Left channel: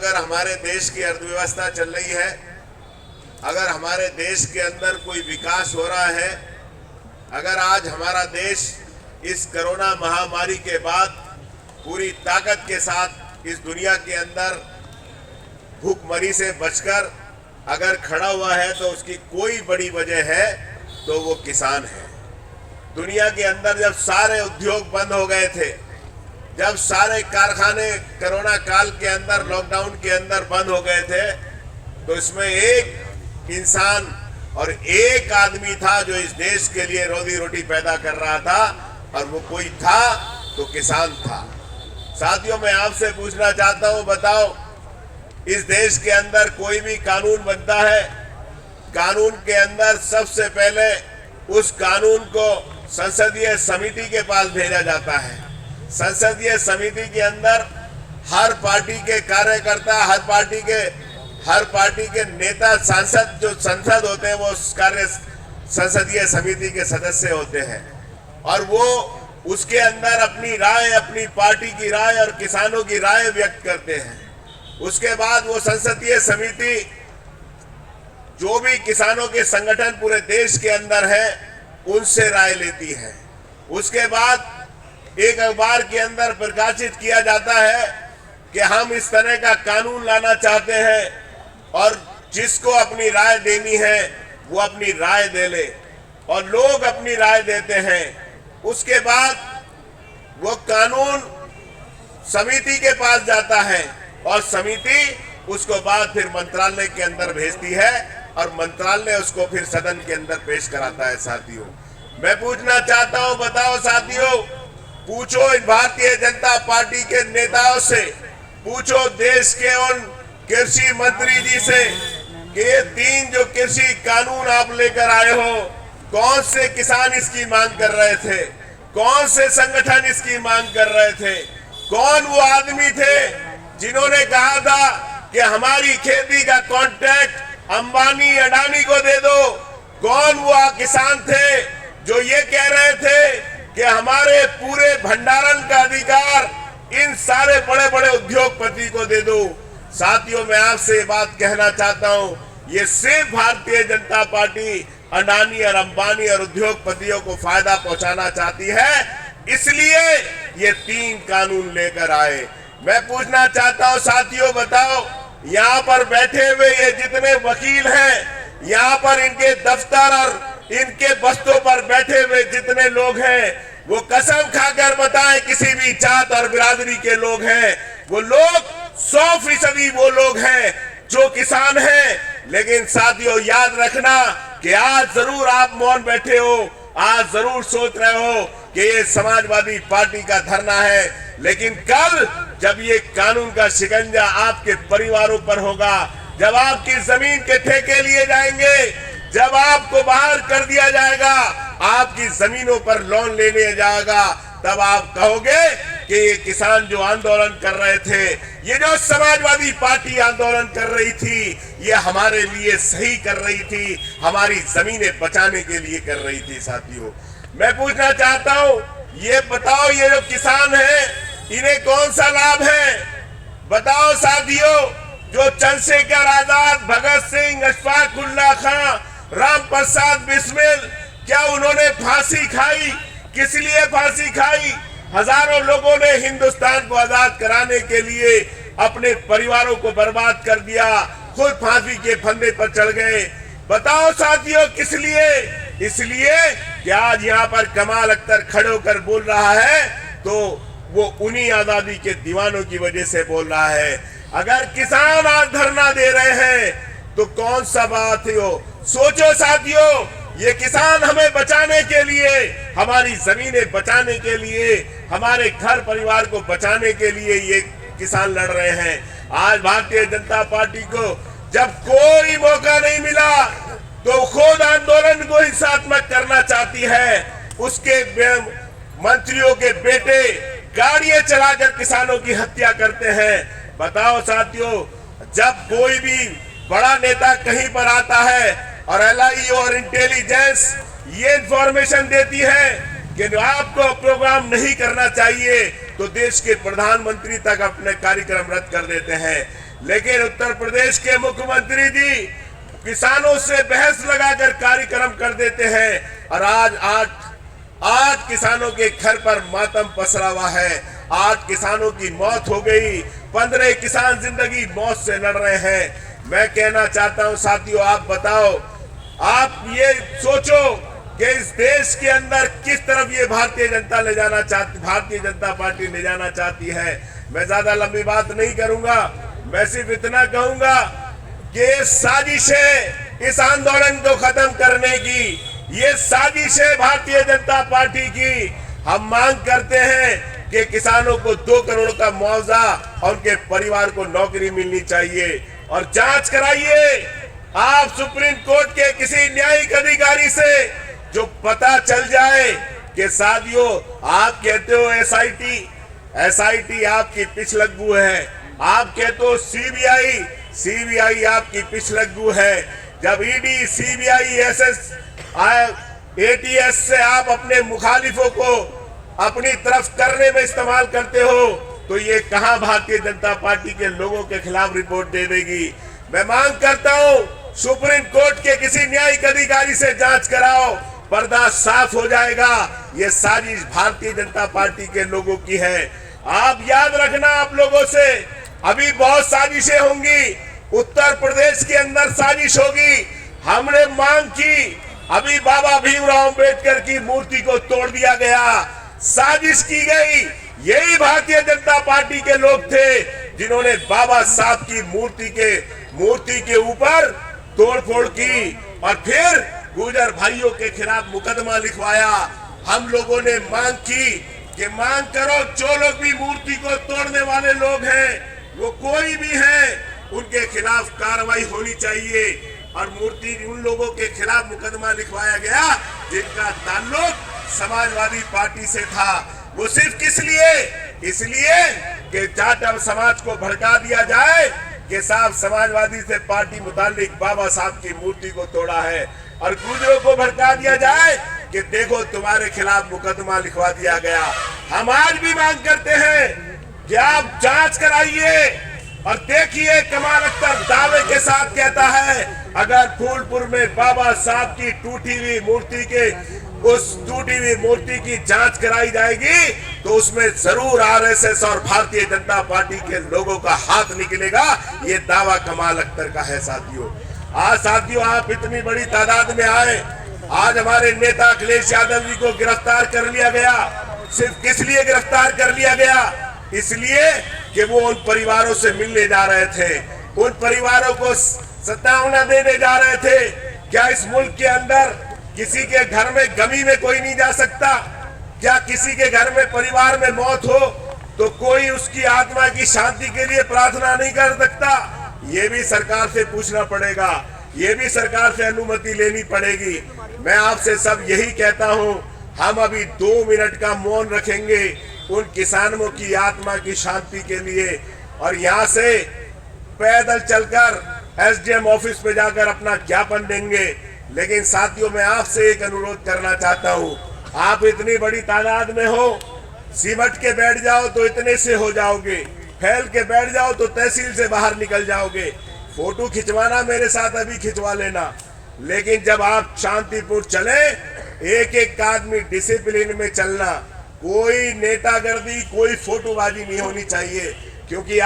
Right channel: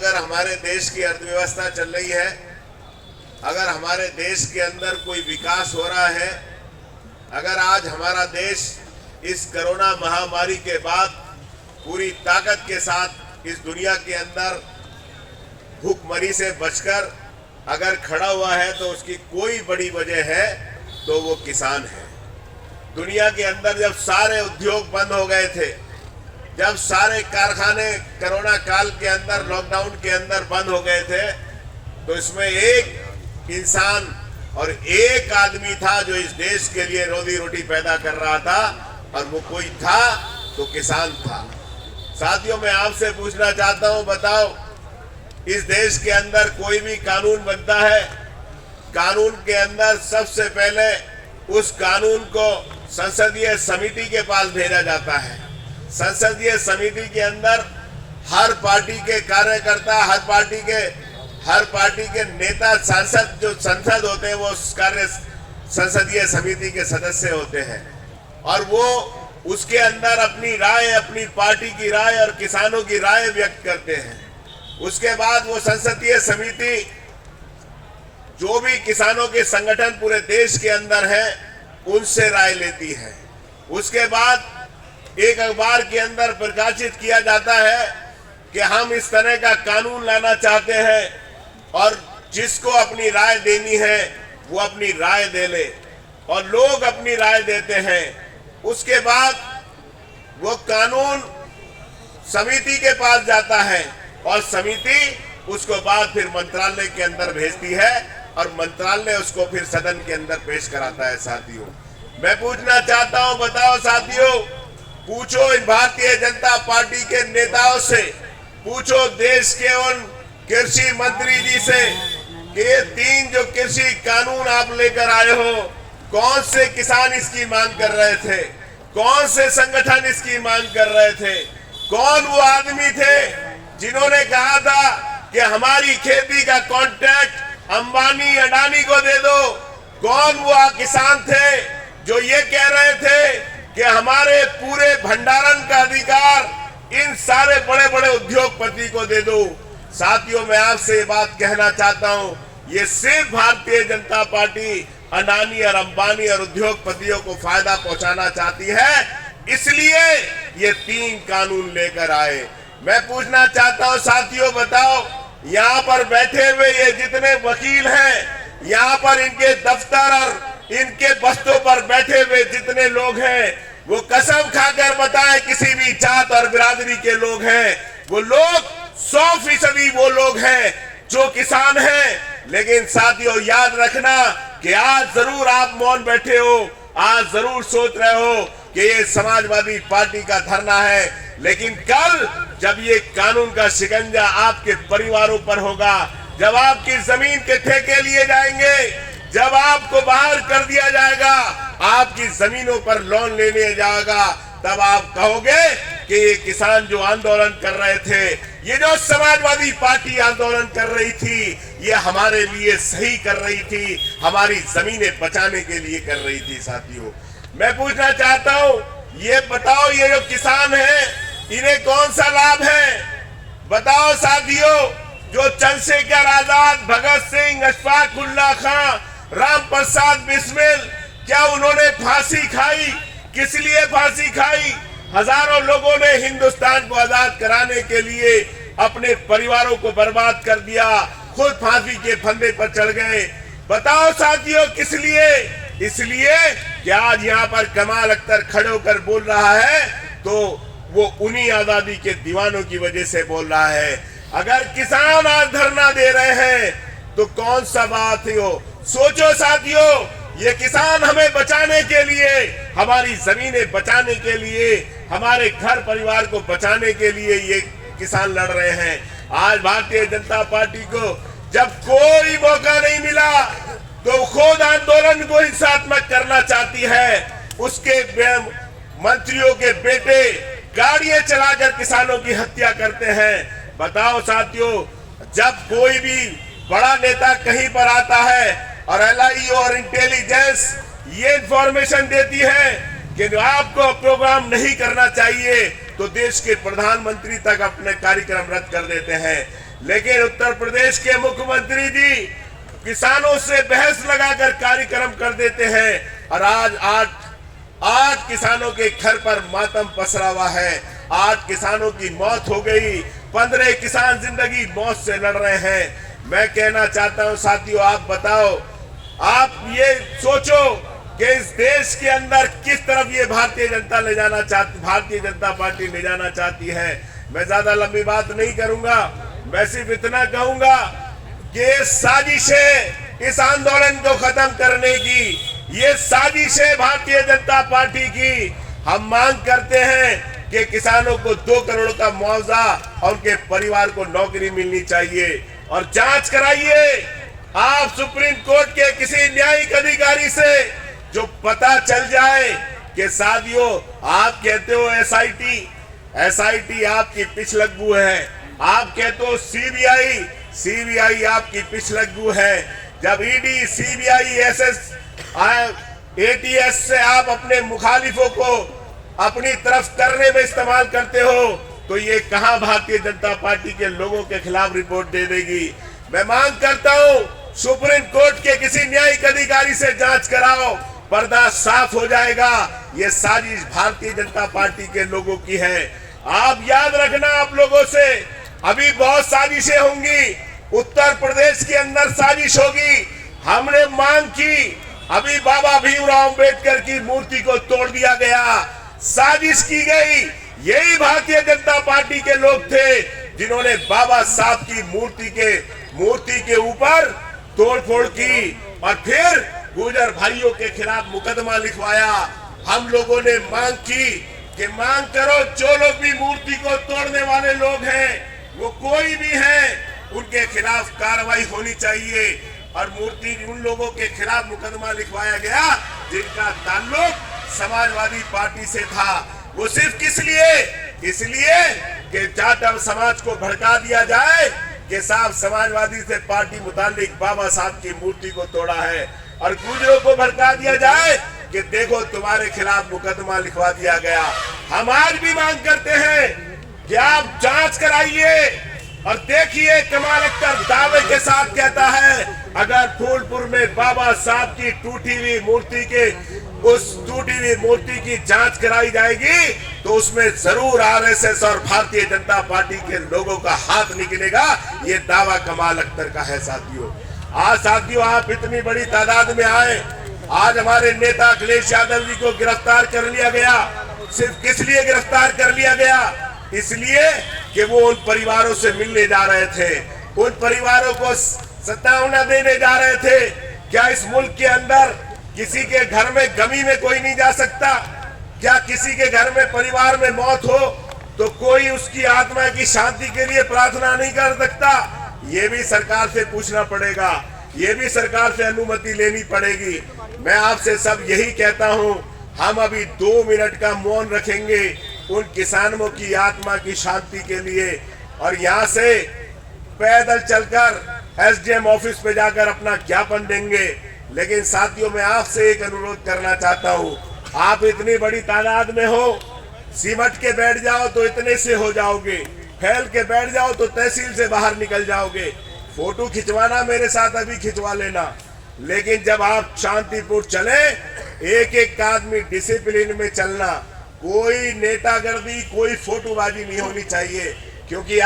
अगर हमारे देश की अर्थव्यवस्था चल रही है, अगर हमारे देश के अंदर कोई विकास हो रहा है, अगर आज हमारा देश इस कोरोना महामारी के बाद पूरी ताकत के साथ इस दुनिया के अंदर भूखमरी से बचकर अगर खड़ा हुआ है, तो उसकी कोई बड़ी वजह है तो वो किसान है। दुनिया के अंदर जब सारे उद्योग बंद हो गए थे, जब सारे कारखाने कोरोना काल के अंदर लॉकडाउन के अंदर बंद हो गए थे, तो इसमें एक इंसान और एक आदमी था जो इस देश के लिए रोजी रोटी पैदा कर रहा था, और वो कोई था तो किसान था। साथियों, मैं आपसे पूछना चाहता हूं, बताओ, इस देश के अंदर कोई भी कानून बनता है, कानून के अंदर सबसे पहले उस कानून को संसदीय समिति के पास भेजा जाता है। संसदीय समिति के अंदर हर पार्टी के कार्यकर्ता, हर पार्टी के नेता, सांसद जो संसद होते हैं, वो कार्य संसदीय समिति के सदस्य होते हैं, और वो उसके अंदर अपनी राय, अपनी पार्टी की राय और किसानों की राय व्यक्त करते हैं। उसके बाद वो संसदीय समिति जो भी किसानों के संगठन पूरे देश के अंदर है, उनसे राय लेती है। उसके बाद एक अखबार के अंदर प्रकाशित किया जाता है कि हम इस तरह का कानून लाना चाहते हैं, और जिसको अपनी राय देनी है वो अपनी राय दे ले, और लोग अपनी राय देते हैं। उसके बाद वो कानून समिति के पास जाता है, और समिति उसको बाद फिर मंत्रालय के अंदर भेजती है, और मंत्रालय उसको फिर सदन के अंदर पेश कराता है। साथियों, मैं पूछना चाहता हूं, बताओ साथियों, पूछो इन भारतीय जनता पार्टी के नेताओं से, पूछो देश के उन कृषि मंत्री जी से कि ये 3 जो कृषि कानून आप लेकर आए हो, कौन से किसान इसकी मांग कर रहे थे, कौन से संगठन इसकी मांग कर रहे थे, कौन वो आदमी थे जिन्होंने कहा था कि हमारी खेती का कॉन्ट्रैक्ट अंबानी अडानी को दे दो, कौन वो किसान थे जो ये कह रहे थे कि हमारे पूरे भंडारण का अधिकार इन सारे बड़े बड़े उद्योगपति को दे दो। साथियों, मैं आपसे ये बात कहना चाहता हूं, ये सिर्फ भारतीय जनता पार्टी अडानी और अंबानी और उद्योगपतियों को फायदा पहुंचाना चाहती है, इसलिए ये 3 कानून लेकर आए। मैं पूछना चाहता हूं साथियों, बताओ, यहाँ पर बैठे हुए ये जितने वकील हैं, यहाँ पर इनके दफ्तर और इनके बस्तों पर बैठे हुए जितने लोग हैं, वो कसम खाकर बताएं किसी भी जात और बिरादरी के लोग हैं, वो लोग 100% वो लोग हैं जो किसान हैं। लेकिन साथियों, याद रखना कि आज जरूर आप मौन बैठे हो, आज जरूर सोच रहे हो कि ये समाजवादी पार्टी का धरना है, लेकिन कल जब ये कानून का शिकंजा आपके परिवारों पर होगा, जब आपकी जमीन के ठेके लिए जाएंगे, जब आपको बाहर कर दिया जाएगा, आपकी जमीनों पर लोन लेने जाएगा, तब आप कहोगे कि ये किसान जो आंदोलन कर रहे थे, ये जो समाजवादी पार्टी आंदोलन कर रही थी, ये हमारे लिए सही कर रही थी, हमारी जमीनें बचाने के लिए कर रही थी। साथियों, मैं पूछना चाहता हूं, ये बताओ, ये जो किसान हैं, इन्हें कौन सा लाभ है? बताओ साथियों, जो चंद्रशेखर आजाद, भगत सिंह, अशफाक उल्लाह खां, राम प्रसाद बिस्मिल, क्या उन्होंने फांसी खाई? किस लिए फांसी खाई? हजारों लोगों ने हिंदुस्तान को आजाद कराने के लिए अपने परिवारों को बर्बाद कर दिया, खुद फांसी के फंदे पर चढ़ गए। बताओ साथियों, किस लिए? इसलिए कि आज यहाँ पर कमाल अख्तर खड़े होकर बोल रहा है, तो वो उन्हीं आजादी के दीवानों की वजह से बोल रहा है। अगर किसान आज धरना दे रहे हैं, तो कौन सा बात है वो? सोचो साथियों, ये किसान हमें बचाने के लिए, हमारी जमीनें बचाने के लिए, हमारे घर परिवार को बचाने के लिए ये किसान लड़ रहे हैं। आज भारतीय जनता पार्टी को जब कोई मौका नहीं मिला, तो खुद आंदोलन को हिंसात्मक करना चाहती है। उसके मंत्रियों के बेटे गाड़ियां चलाकर किसानों की हत्या करते हैं। बताओ साथियों, जब कोई भी बड़ा नेता कहीं पर आता है और LIU और इंटेलिजेंस ये इंफॉर्मेशन देती है कि आपको प्रोग्राम नहीं करना चाहिए, तो देश के प्रधानमंत्री तक अपने कार्यक्रम रद्द कर देते हैं। लेकिन उत्तर प्रदेश के मुख्यमंत्री जी किसानों से बहस लगाकर कार्यक्रम कर देते हैं और आज किसानों के घर पर मातम पसरा हुआ है। आज किसानों की मौत हो गई, 15 किसान जिंदगी मौत से लड़ रहे हैं। मैं कहना चाहता हूं साथियों, आप बताओ, आप ये सोचो कि इस देश के अंदर किस तरफ ये भारतीय जनता पार्टी ले जाना चाहती है। मैं ज्यादा लंबी बात नहीं करूंगा, मैं सिर्फ इतना कहूंगा कि साजिश है इस आंदोलन को खत्म करने की, ये साजिश है भारतीय जनता पार्टी की। हम मांग करते हैं कि किसानों को 2 करोड़ का मुआवजा और उनके परिवार को नौकरी मिलनी चाहिए। और जांच कराइए आप सुप्रीम कोर्ट के किसी न्यायिक अधिकारी से, जो पता चल जाए कि साथियों आप कहते हो एसआईटी आपकी पिछलग्गू है, आप कहते हो सीबीआई आपकी पिछलग्गू है। जब ईडी, सीबीआई, एटीएस से आप अपने मुखालिफों को अपनी तरफ करने में इस्तेमाल करते हो, तो ये कहां भारतीय जनता पार्टी के लोगों के खिलाफ रिपोर्ट दे देगी। मैं मांग करता हूं सुप्रीम कोर्ट के किसी न्यायिक अधिकारी से जांच कराओ, पर्दा साफ हो जाएगा। ये साजिश भारतीय जनता पार्टी के लोगों की है। आप याद रखना, आप लोगों से अभी बहुत साजिशें होंगी, उत्तर प्रदेश के अंदर साजिश होगी। हमने मांग की, अभी बाबा भीमराव अंबेडकर की मूर्ति को तोड़ दिया गया, साजिश की गई। यही भारतीय जनता पार्टी के लोग थे जिन्होंने बाबा साहब की मूर्ति के ऊपर तोड़फोड़ की और फिर गुर्जर भाइयों के खिलाफ मुकदमा लिखवाया। हम लोगों ने मांग की कि मांग करो, जो लोग भी मूर्ति को तोड़ने वाले लोग हैं, वो कोई भी हैं, उनके खिलाफ कार्रवाई होनी चाहिए। और उन लोगों के खिलाफ मुकदमा लिखवाया गया जिनका ताल्लुक समाजवादी पार्टी से था। वो सिर्फ इसलिए कि जाट समाज को भड़का दिया जाए कि साहब समाजवादी से पार्टी मुतालिक बाबा साहब की मूर्ति को तोड़ा है, और गुर्जरों को भड़का दिया जाए कि देखो तुम्हारे खिलाफ मुकदमा लिखवा दिया गया। हम आज भी मांग करते हैं कि आप जांच कराइए और देखिए, कमाल अख्तर दावे के साथ कहता है अगर फूलपुर में बाबा साहब की टूटी हुई मूर्ति की जांच कराई जाएगी तो उसमें जरूर आरएसएस और भारतीय जनता पार्टी के लोगों का हाथ निकलेगा। ये दावा कमाल अख्तर का है। साथियों आप इतनी बड़ी तादाद में आए। आज हमारे नेता अखिलेश यादव जी को गिरफ्तार कर लिया गया। सिर्फ किस लिए गिरफ्तार कर लिया गया? इसलिए कि वो उन परिवारों से मिलने जा रहे थे, उन परिवारों को सत्तावना देने जा रहे थे। क्या इस मुल्क के अंदर किसी के घर में गमी में कोई नहीं जा सकता? क्या किसी के घर में परिवार में मौत हो तो कोई उसकी आत्मा की शांति के लिए प्रार्थना नहीं कर सकता? ये भी सरकार से पूछना पड़ेगा, ये भी सरकार से अनुमति लेनी पड़ेगी। मैं आपसे सब यही कहता हूं, हम अभी 2 मिनट का मौन रखेंगे उन किसानों की आत्मा की शांति के लिए, और यहाँ से पैदल चलकर एसडीएम ऑफिस पे जाकर अपना ज्ञापन देंगे। लेकिन साथियों मैं आपसे एक अनुरोध करना चाहता हूँ, आप इतनी बड़ी तादाद में हो, सिमट के बैठ जाओ तो इतने से हो जाओगे, फैल के बैठ जाओ तो तहसील से बाहर निकल जाओगे। फोटो खिंचवाना मेरे साथ अभी खिंचवा लेना, लेकिन जब आप शांतिपूर्ण चले, एक एक आदमी डिसिप्लिन में चलना, कोई नेतागर्दी, कोई फोटोबाजी नहीं होनी चाहिए, क्योंकि